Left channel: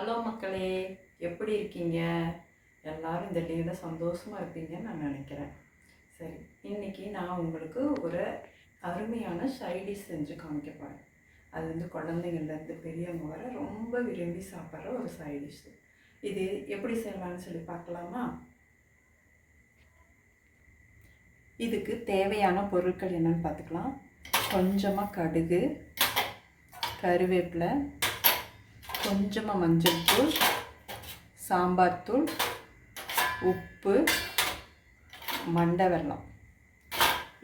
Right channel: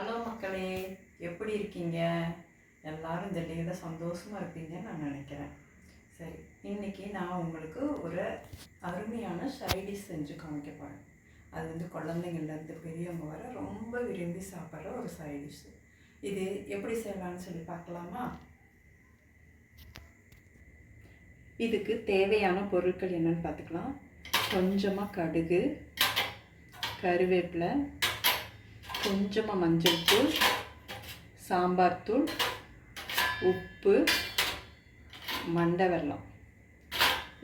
Hello மக்களே, எப்படி இருக்கீங்க? எல்லாரும் இந்த லீவில் சந்தோஷமாக இருப்பீங்கன்னு நான் நினைக்கிறேன். சரி, இன்றைக்கி நான் உங்களுக்கு ஒரு அருமையான சைடிஷ் செஞ்சு காமிக்க போகிறேன். அது வந்து குழந்தைங்கள்லேருந்து பெரியவங்க வர ரொம்ப விரும்பி சாப்பிட்ற ஒரு சைடிஷ். இது எப்படி செய்யலாம்னு சொல்லி பார்க்கலாமா? இதுக்கு தேவையான பொருட்கள் என்னென்னு பார்த்துக்கலாம். கொஞ்சமாக கடுகு, கருவேப்பிலை, கொஞ்சமாக மஞ்சள் தூள், சாம்பார் தூள், உப்பு, மண்டை வெல்லம்.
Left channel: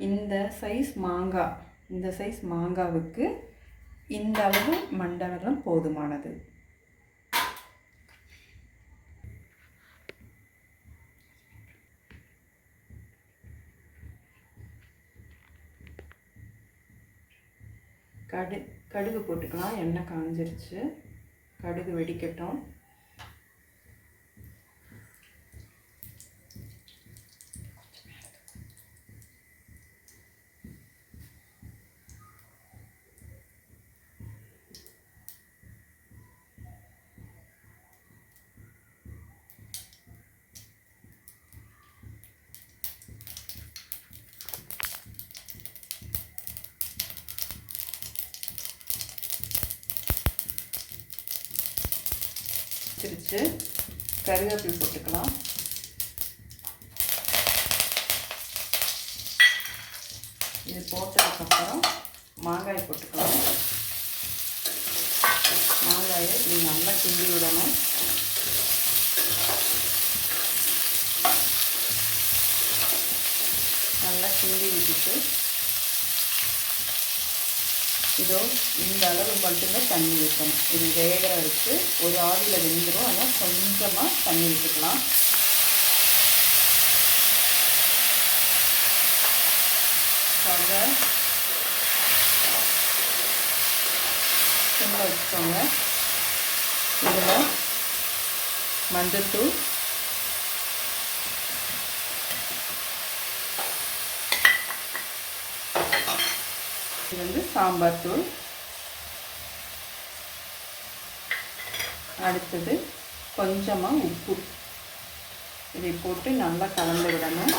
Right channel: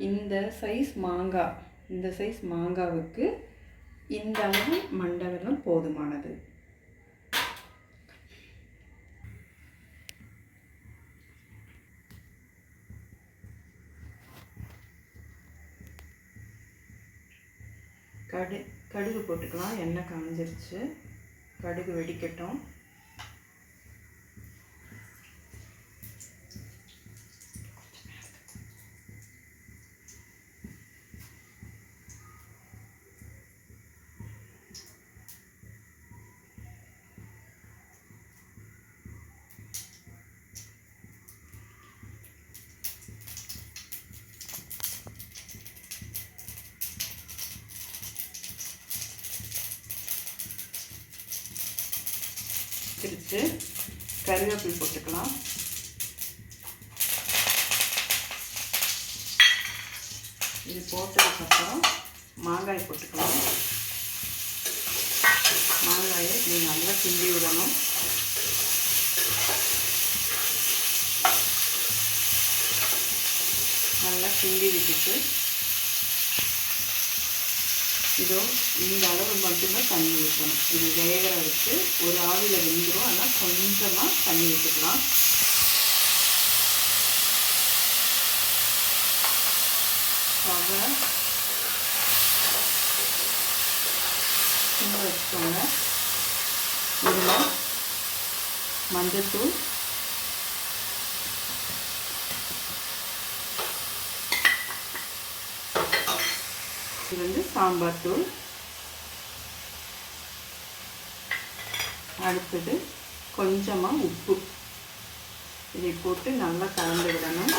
இந்த சைஸ் மாங்காவுக்கு இந்த அளவு மண்டை வெல்லம் போதுமானது. கடுகு போட்டுக்கலாம். எண்ணெய் காஞ்சிருச்சு. கடுகு வெடிக்கட்டும். வச்சிருச்சு. கருவேப்பிலை போட்டுக்கலாம். இது போட்டதுக்கப்புறம் மாங்காய் போட்டுக்கலாம். மாங்காயை இது நல்லா கிண்டி விடணும். நல்லா கிண்டி விட்டுட்டு இதோ இந்த அளவு மட்டும்தான் தண்ணி வைக்கணும். இது வேகிற வச்சு ஒரு ஆவியில் வெந்துடும். ஆனால் கொஞ்சமாக தண்ணி விட்டுக்கலாம். சிம்மில் வச்சுக்கோங்க. இதில் மஞ்சள்தூள், இது வந்து சாம்பார் தூள், அடுத்தது கொஞ்சமாக உப்பு. இதை போட்டு நல்லா கலந்து விடணும்.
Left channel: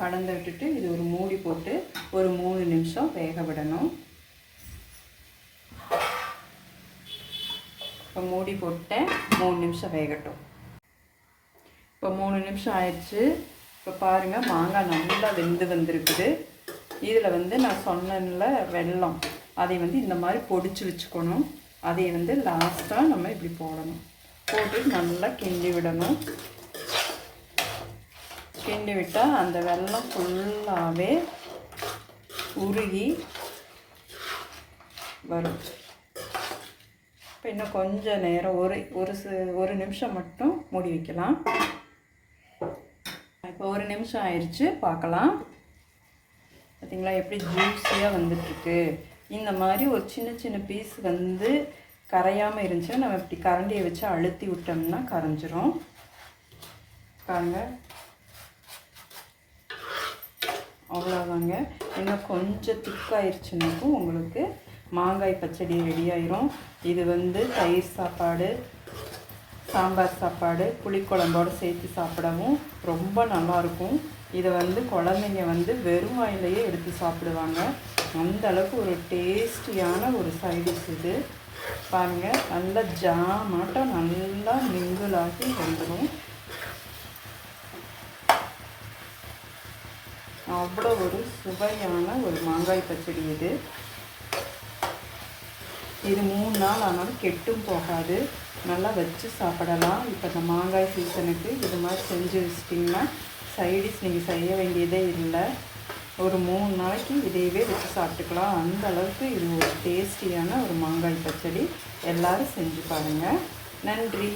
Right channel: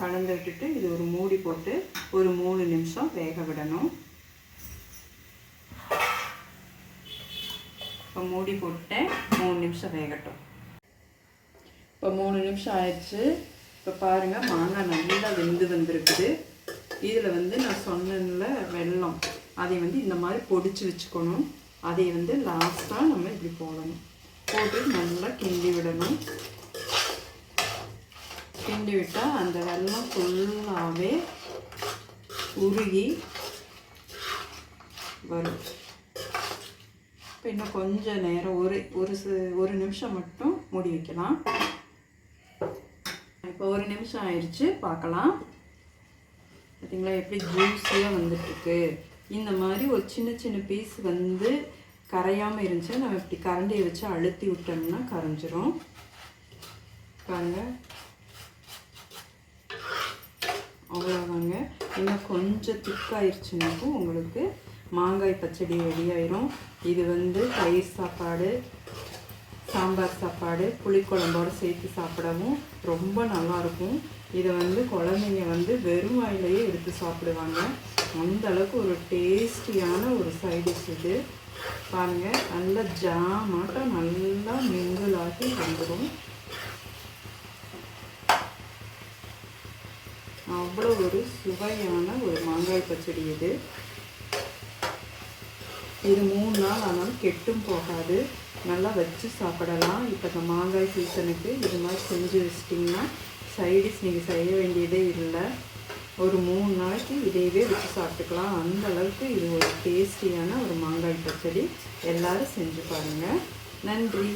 கலந்து விட்டுட்டு இது ஒரு மூடி போட்டு ஒரு 3 நிமிஷம் வேக விடணும். இப்போ மூடி போட்டேன். 3 நிமிஷம் வேகட்டும். இப்போ 3 நிமிஷம் ஆயிடுச்சு. இப்போ பாருங்கள், மாங்காய் நல்லா வெந்து வந்திருக்குது. இதில் வந்து நான் சொன்னேன்ல வெல்லம், அதை வந்து இந்த மாதிரி பொடிச்சு வச்சுக்கணும். அதை வந்து லாஸ்ட்டாக நம்ம இப்படி போடணும். போட்டு நல்லா கிண்டி விடணும். கிண்டி விட்டால் அந்த வெல்லம் ஃபுல்லாகவே உருகி வரும். இன்னும் கொஞ்சம் நேரம் ஒரு நிமிஷம் மட்டும் மூடி வைக்கலாம். இப்போ 1 நிமிஷம் ஆயிடுச்சு. பார்க்கலாம். பார்த்தீங்களா எப்படி ஜூஸியாக வந்துட்டுருக்கு. இந்த மாதிரி ஒரு சின்ன சின்ன பீஸ் வந்து கரையாமல் இருந்துச்சுன்னா நம்ம இப்படி கரண்டியை வச்சு அழுத்தி விட்டோம்னா கரைஞ்சிரும். பாருங்க, அவ்வளோதாங்க. இன்னும் கொஞ்சம் திக்காயிருச்சுனாக்கும் உங்களுக்கு மாங்காய் பச்சடி ரெடி ஆயிரும். இது வந்து தயிர் சாப்பாடு, சாம்பார் சாப்பாடு, புளிக்குழம்போடு சேர்த்து சாப்பிடவும் ரொம்ப நல்லாயிருக்கும். இதை வந்து குழந்தைங்க வந்து வெறும் வாயிலேயே எடுத்து சாப்பிடுவாங்க. அந்த அளவுக்கு ஒரு டேஸ்டியான ஒரு சைடிஷ் இது. பாருங்கள், நல்லா ஜாமாட்டம் நல்லா மிங்கிளாகி வந்துடும். அவ்வளோ ஒரு சுவையான ஒரு மாங்காய் பச்சடி இது. இது 3 நாள் ஆனாலும் கெட்டும் போகாது. நல்லா வச்சு சாப்பிடலாம். இப்போ இந்த மாங்காய் சீசனுக்கு இது மாதிரி செஞ்சு வச்சிட்டிங்கன்னா சைடிஷ் நீங்கள் செய்ய வேண்டியதே இல்லை. ஒரு 3 நாளைக்கு இதையவே வச்சு சாப்பிட்டுக்கலாம். அந்த அளவுக்கு இது ஒரு டேஸ்டியான ஒரு மாங்காய் பச்சடி. எல்லோரும் செஞ்சு பாருங்கள். நன்றி.